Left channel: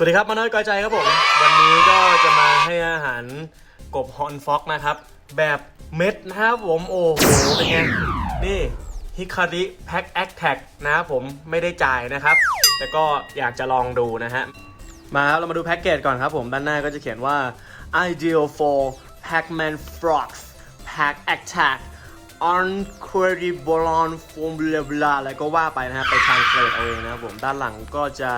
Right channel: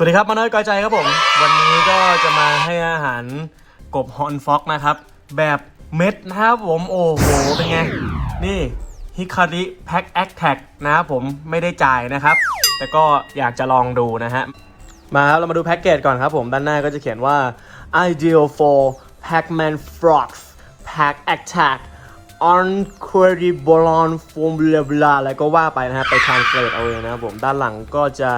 สวัสดีครับมาน้อยกอยใจครับผม วันนี้ก็จะมาให้อาหารกบฮอนฟ็อกนะครับ แบบเม็ดนะครับผมโอ้โหเป็นไง นี่ฮิคาริแพ็คแอคแท็กนะครับผมไม่ได้จ่ายนะครับ แต่ก็อยากจะลองดูนะฮะ มาครับ เรามาดูแพ็กเกจก่อนครับผม ด้านหน้าก็จะเขียนว่า ideal for Pac-Man frogs pack attack on query bolon form blah blah อะก็ว่าไปนะครับไป translate เอาเองนะครับผมด้านหลังก็จะ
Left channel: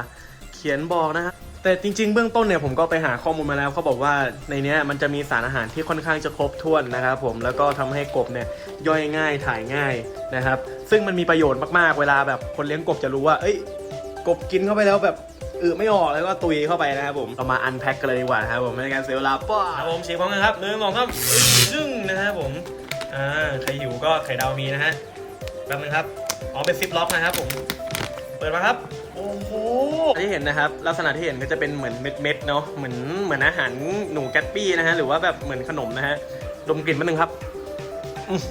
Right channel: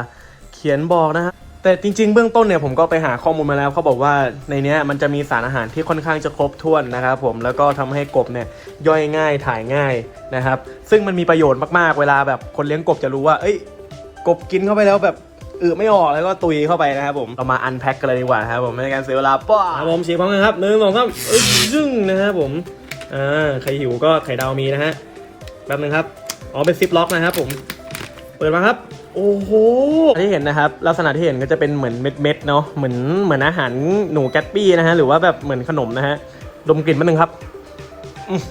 เขียนบอกนะฮะ แต่จริงๆ เบื้องต้นเนี่ยผมก็ไปหาข้อมูลมาแล้วเขาบอกว่าในเนี้ยมันจะมีสารอาหารที่ค่อนข้างจะครบถ้วนนะครับผมแล้วก็ทำให้กบเนี่ยย่อยง่ายถ่ายง่ายนะครับ ซึ่งมันมีประโยชน์มากๆเวลาแบบคนเลี้ยงกบจะรู้ว่า เอ้ย กบกินเข้าไปแล้วแบบอือไม่ออกแล้วก็ตุยเข้าไปนะครับผมเรามาอันแพ็คกันเลยดีกว่าครับผมไม่ในการเสียเวลาป้าครับผมฉีกพร้อมกันครับหนึ่งสองสามยึ่งนะครับผมอ่าใครหิวก็ไข่ดาวมีนะฮะแป๊บนึงครับอ๋อเป็นซิปล็อกนะครับผมเปิดมาครับ โอ้โหที่เห็นนะครับลักษณะที่เห็นก็จะเป็นเหมือนเม็ดๆเนาะเหมือนเหมือนอาหารหนูแกตปี้นะฮะหรือว่าแบบเหมือนขนมนะฮะดมกลิ่นมาหนึ่งครับอืม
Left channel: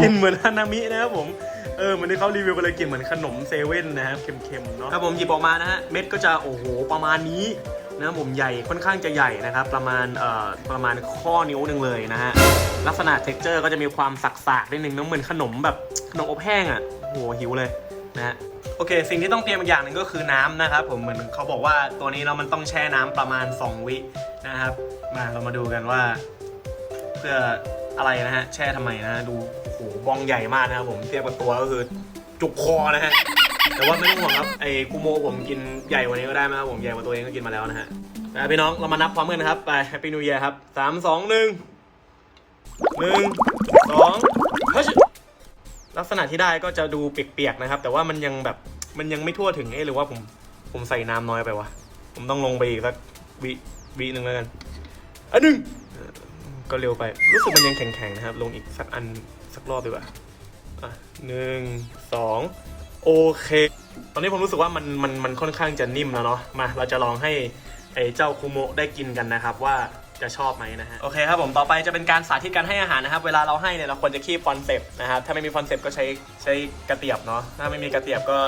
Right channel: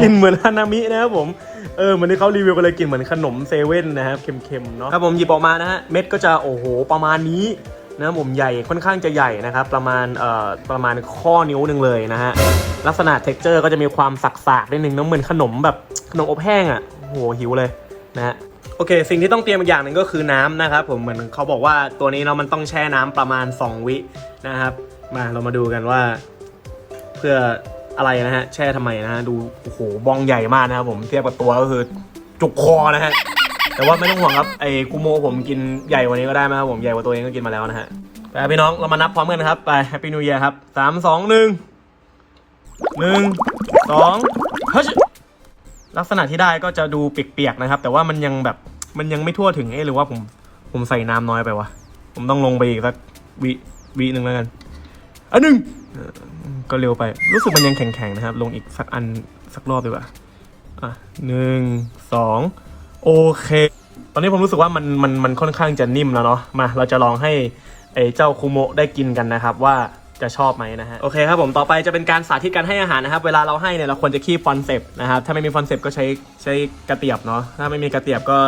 กลินเหมือนฮานามินะครับผมเออเหมือนที่เขารีวิวกันเลยกลินเหมือนขนมเซเว่นนะครับเค็มๆเนาะครับผมหยิบออกมานะฮะเม็ดก็จะโอ้โหประมาณนี้นะครับผมใหญ่ค่อนข้างจะใหญ่นะครับประมาณเอ่อประมาณข้อนิ้วหนึ่งเลยนะฮะลักษณะเท็กเจอร์ก็จะมีความสักๆนิดนึงเนอะเหมือนขนมแบบขนมอบแห้งอะโอ้โหหิวเลย นะโอเค สิ่งที่ต้องเตรียมอีกอย่างหนึ่งก็คือน้ำนะครับผมเหมือนเขาบอกว่าตัวนี้เนาะมันต้องแช่น้ำประมาณ 2 วินะครับ มาเรามาดูกันว่า เพื่ออะไรนะฮะแช่ทำไมนะฮะดูโอ้โหบองใหญ่มากนะครับผมเทียบกับตัวก็คือจุกคอนะฮะแต่ว่าไม่ต้องห่วงครับไอ้กูโมผมกินใหญ่กว่านี้ก็ได้นะครับผมใหญ่กว่าตัวเองก็กินมาแล้วนะฮะไปพี่น้องเรามานับพร้อมกันนะครับไปแฮปปี้นิว e ย r ครับสามสองหนึ่งหนึ่งสองเฮ้ย ลักษณะที่ได้ก็จะดูเปียกๆนะครับ แต่ว่ามันยังแบบมันยังไม่ทั่วถึงเอ๊หรือว่าผมผมใส่น้ำน้อยไปวะผมต้องลงไปอีกสักวิวิหนึ่งแล้วกันอันหนึ่งก็เร็วไป รู้สึกมันยังแข็งๆนะครับ ลงอีกสักอันสักรอบดีกว่าอะหนึ่งสองโอเค ตอนนี้ผมรู้สึกว่ามันมันมันค่อนข้างจะนิ่มแล้วเนาะมาเราจะลองให้ไอ้เจ้าคุโมได้กินกันนะครับว่า จะชอบไหมนะฮะ โอเคครับผมต่อไปจะเป็นการสาธิตการให้อาหารนะครับ เวลาเราให้เนี่ยเราควรจะคีบฟอนเซปนะครับ ถ้าไม่มีฟอนเซปก็ใช้ใช้กระเตียบเนาะ ถ้าไม่มีกระเตียบก็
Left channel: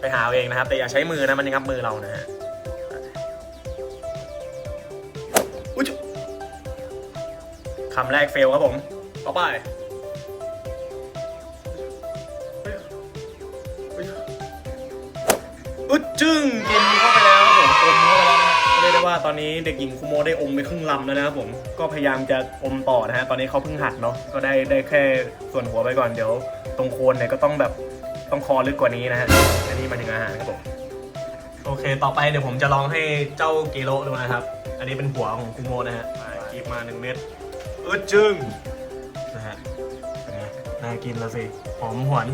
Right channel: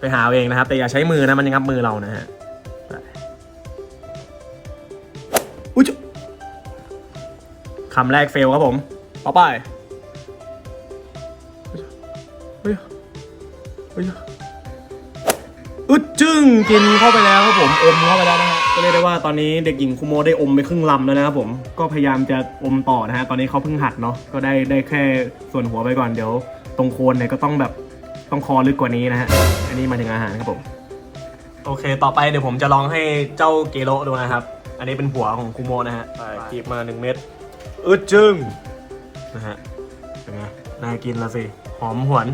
ไปหาเอาเองนะครับ แต่อย่าใช้มือนะมันงับมือเรานะฮะอุ้ยคำแรกเฟลครับผมเอาไป จึ้งกินเข้าไปแล้วครับผมอมเข้าไปแล้วนะฮะก็เรียกได้ว่าตอนนี้เด็กหญิงคุโมได้อมไปครึ่งลำแล้วนะครับผมก็พยายามจะอมต่อนะฮะตอนนี้เขาเพิ่งหัดเนาะก็ได้ได้แค่ส่วนหัวไปก่อนเดี๋ยว ตรงโคนเนี่ยก็ต้องแบบต้องคอลึกกว่านี้นะฮะอันนี้มาถึงอาหารครับผมโอเค ต่อไปเดี๋ยวผมจะลองให้เจ้าเกโรดูนะครับ อันนี้เป็นหัวของคุโมนะฮะกีบมาหนึ่งเม็ดอึดจึงนะฮะไงน่ากินละสิหอมหวน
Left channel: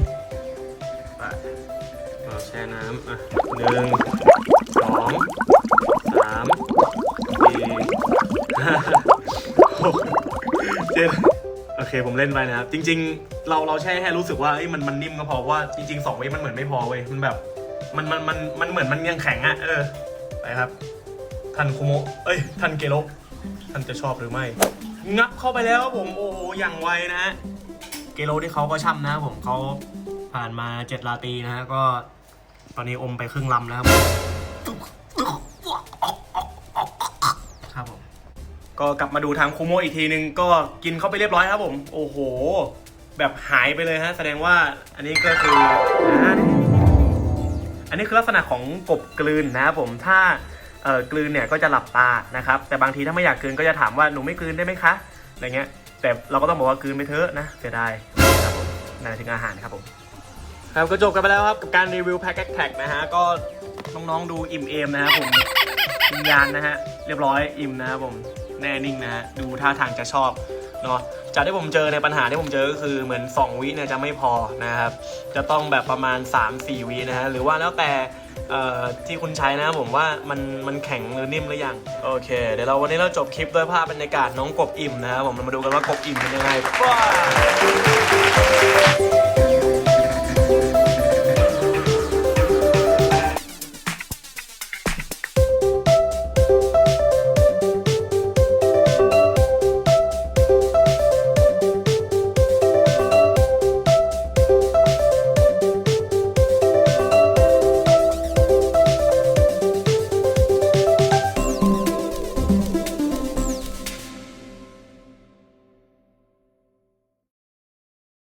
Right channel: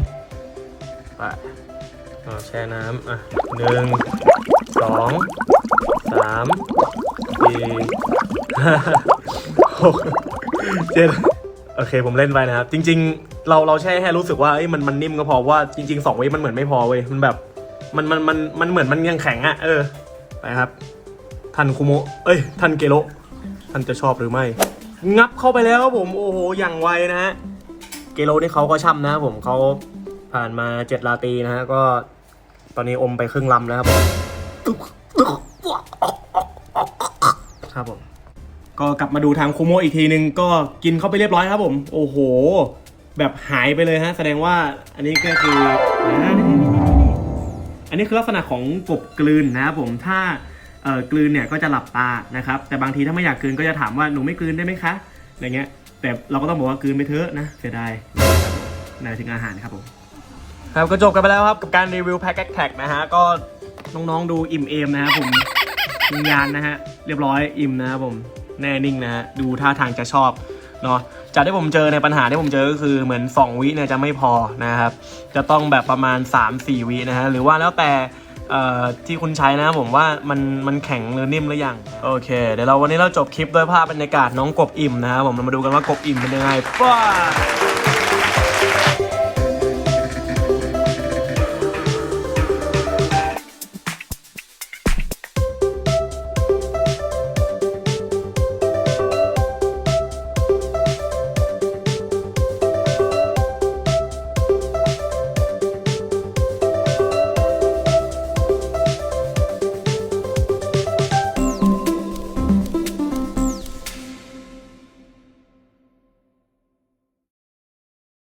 ไป เอาแช่น้ำอะหนึ่งสองสามสี่ห้าหกเจ็ดโอเคผมเล่นไปนะครับ จริง ๆ เราเราแช่ให้รู้สึกว่าเอ้ยมันมันนิ่มก็พอว่าจริงๆสองวิมันเหมือนไม่พอเว้ยมันแบบมันมันมันมันเหมือนมันยังแข็งอะเออไปครับท่านคุโมะเอ้ยท่านเกโรท่านจะชอบหรือไม่ งับเข้าไปแล้วครับผมโอ้โหอย่างไวนะฮะเกโลนี่เขาก็ช่ำนะผมเขา ผ่านมาเจ็ดลาตีนะฮะก็ตอนนี้อมไปครึ่งลำแล้วครับครับผมก็กลับมาดูทางคูโมอีกทีนึงก็กินเข้าไปเรียบร้อยครับผม โอ้โห แบบหายไปเลยฮะ แสดงว่าอันนี้ก็คืออ่านี่ๆอันนี้คือลักษณะของกบกลืนนะครับผมถ้าเอ่อกลืนเนี่ยก็จะหลับตานะครับ แต่บางทีถ้าไม่อยากกลืนก็จะถามว่าหนูไม่กลืนได้ไหมคะอะไรเงี้ยแต่เราก็ต้องบอกว่ากลืนไปเถอะนะเสียดายครับผมนาถึงอาหารครับผม ครับก็จบกันไปแล้วครับกับการรีวิวแพ็กแท็กนะฮะก็น้องๆดูอิ่มเอมนะครับผมมีงานนะฮะเรียบร้อยอิ่มนะครับผมแน่นิ่งนะฮะดูท่าทางจะชอบเนาะจากที่ผมเจอในปัญหาที่ผมเจอก็คือเหมือน 2 วิเนี่ยจะไม่พอนะครับ จะต้องแบบประมาณ 3-4 วินะฮะหรือว่าแล้วแต่ที่คุณใช้นะผมว่ามันมันแข็งหรือนิ่มหรือยังโอเค เดี๋ยวเราวันนี้เราจบคลิปด้วยภาพบรรยากาศน้องกบอิ่มนะครับผมเรามาดูกันว่ากบอิ่มเป็นยังไงป้า